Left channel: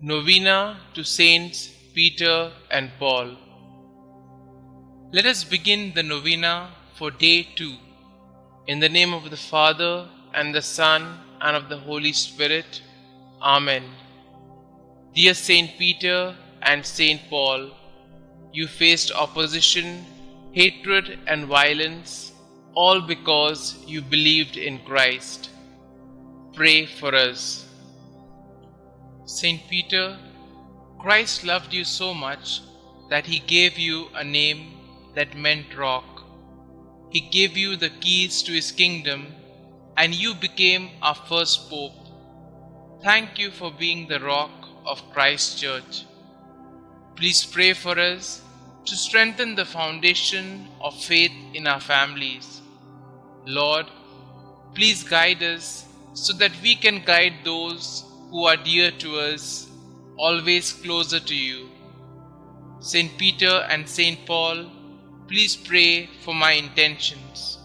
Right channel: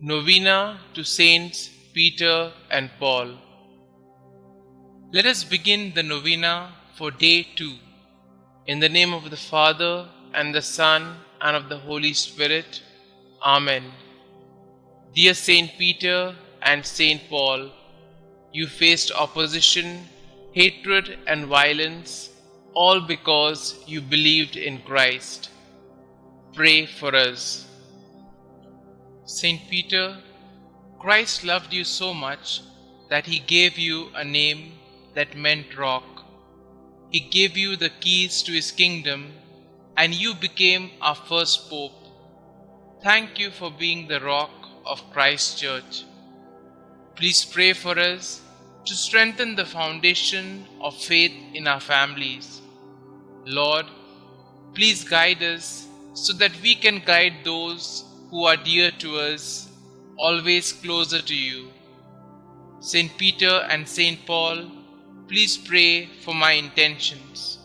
Novena to Saints Peter and Paul. Let us begin the novena for day 2. In the name of the Father, and the Son, and of the Holy Spirit. Amen. Dear Saint Peter and Saint Paul, you faced opposition, hatred, and violence, all because you believed in Christ. Pray for us. Saint Peter, Christ loved you so much that he gave you a name that meant rock. He gave you the keys to his kingdom, and you became our first pope. Thank you for being the rock of Christ's church. Please pray for us to strengthen the foundation of faith in our families. Lord, please guide us so that we can guide those who are dear to us, always closer to you. Saint Peter and Saint Paul, please pray for my intentions.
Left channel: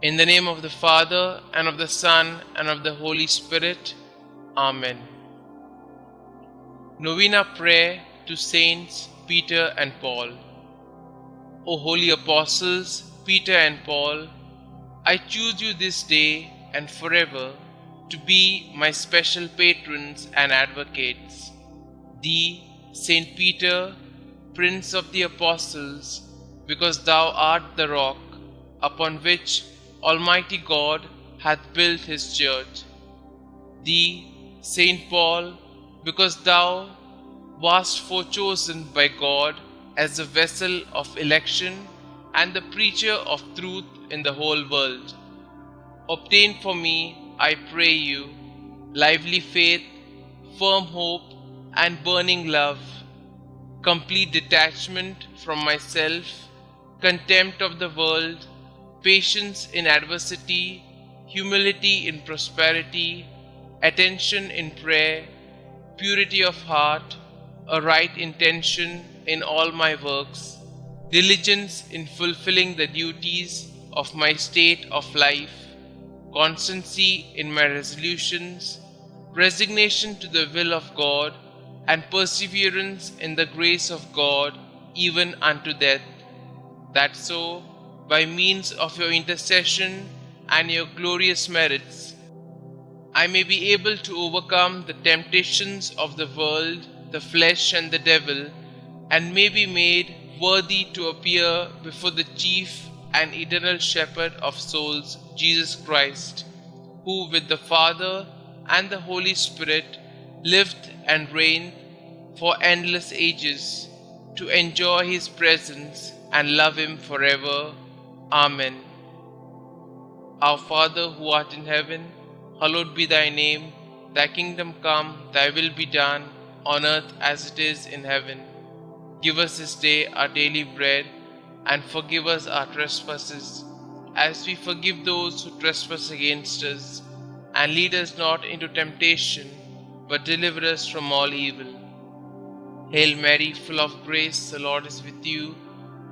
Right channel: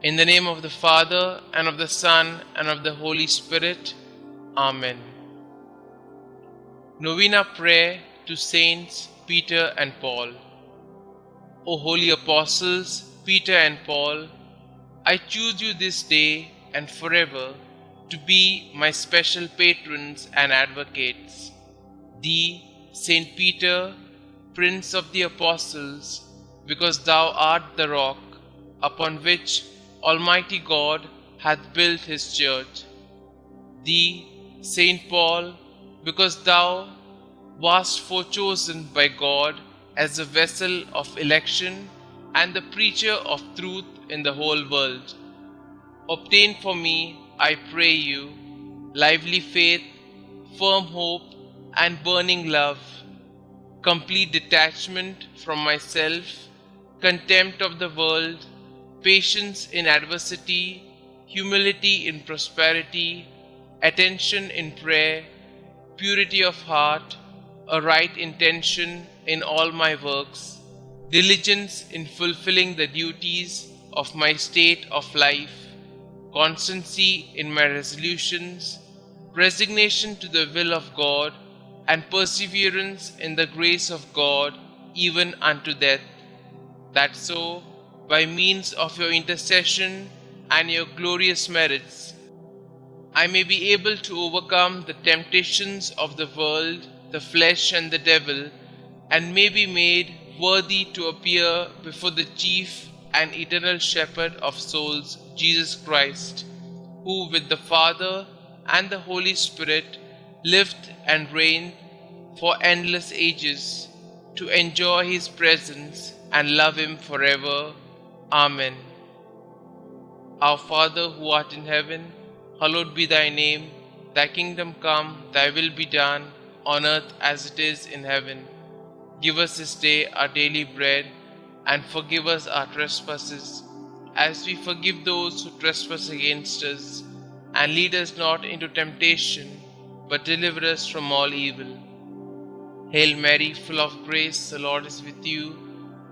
In the name of the Father, and of the Son, and of the Holy Spirit. Amen. Novena Prayer to Saints Peter and Paul. O holy apostles, Peter and Paul, I choose you this day and forever to be my special patrons and advocates. Thee, Saint Peter, Prince of the Apostles, because thou art the rock upon which Almighty God hath built his church. Thee, Saint Paul, because thou wast forechosen by God as a vessel of election and the preacher of truth in the whole world. Obtain for me, I pray you, lively faith, firm hope, and burning love, complete detachment from myself, contempt of the world, patience in adversity, humility in prosperity, attention in prayer, purity of heart, a right intention in all my works, diligence in fulfilling the duties of my state of life, constancy in my resolutions, resignation to the will of God, and perseverance in the grace of God even unto death, that so, by means of your intercession and your glorious merits, I may be able to overcome the temptations of the world, the flesh, and the devil, and may be made worthy to appear before the chief and eternal shepherd of souls, Jesus Christ, who with the Father and the Holy Spirit lived and reigned for endless ages, to enjoy his presence and love him forever. Amen. Our Father who art in heaven, hallowed be thy name. Thy kingdom come, thy will be done, on earth as it is in heaven. Give us this day our daily bread, and forgive us our trespasses, as we forgive those who trespass against us. And lead us not into temptation, but deliver us from all evil. Hail Mary, full of grace, the Lord is with you.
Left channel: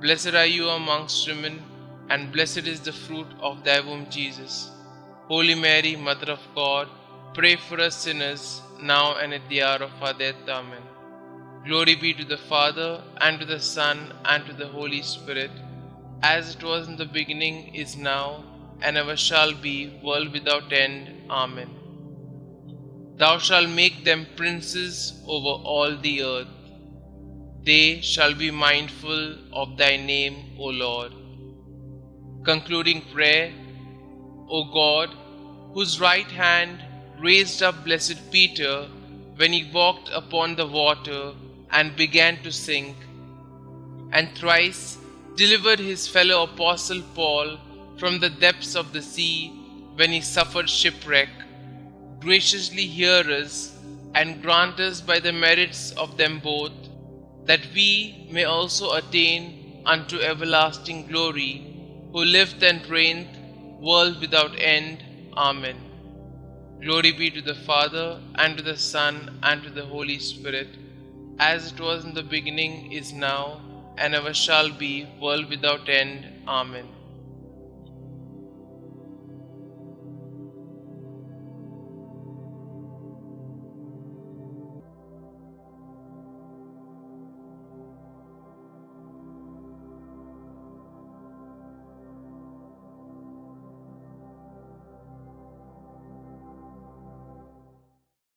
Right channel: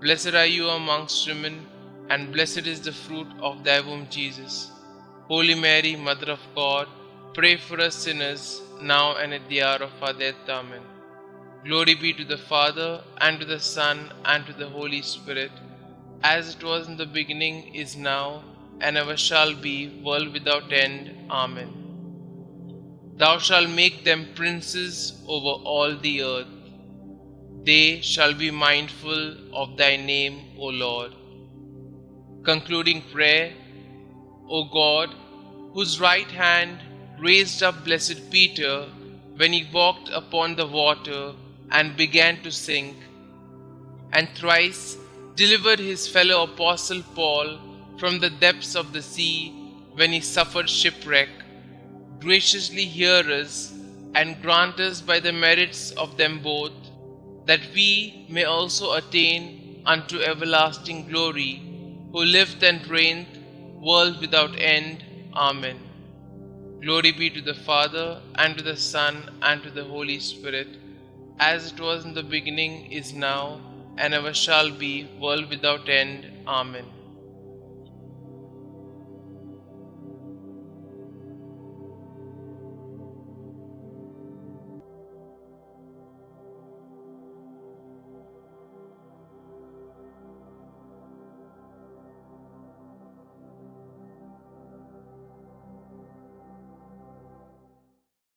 Blessed are you amongst women, and blessed is the fruit of thy womb, Jesus. Holy Mary, Mother of God, pray for us sinners, now and at the hour of our death. Amen. Glory be to the Father, and to the Son, and to the Holy Spirit, as it was in the beginning, is now, and ever shall be, world without end. Amen. Thou shalt make them princes over all the earth. They shall be mindful of thy name, O Lord. Concluding prayer. O God, whose right hand raised up blessed Peter when he walked upon the water and began to sink, and thrice delivered his fellow apostle Paul from the depths of the sea when he suffered shipwreck, graciously hear us and grant us by the merits of them both, that we may also attain unto everlasting glory, who lived and reigned, world without end. Amen. Glory be to the Father, and to the Son, and to the Holy Spirit, as it was in the beginning, is now, and ever shall be, world without end. Amen.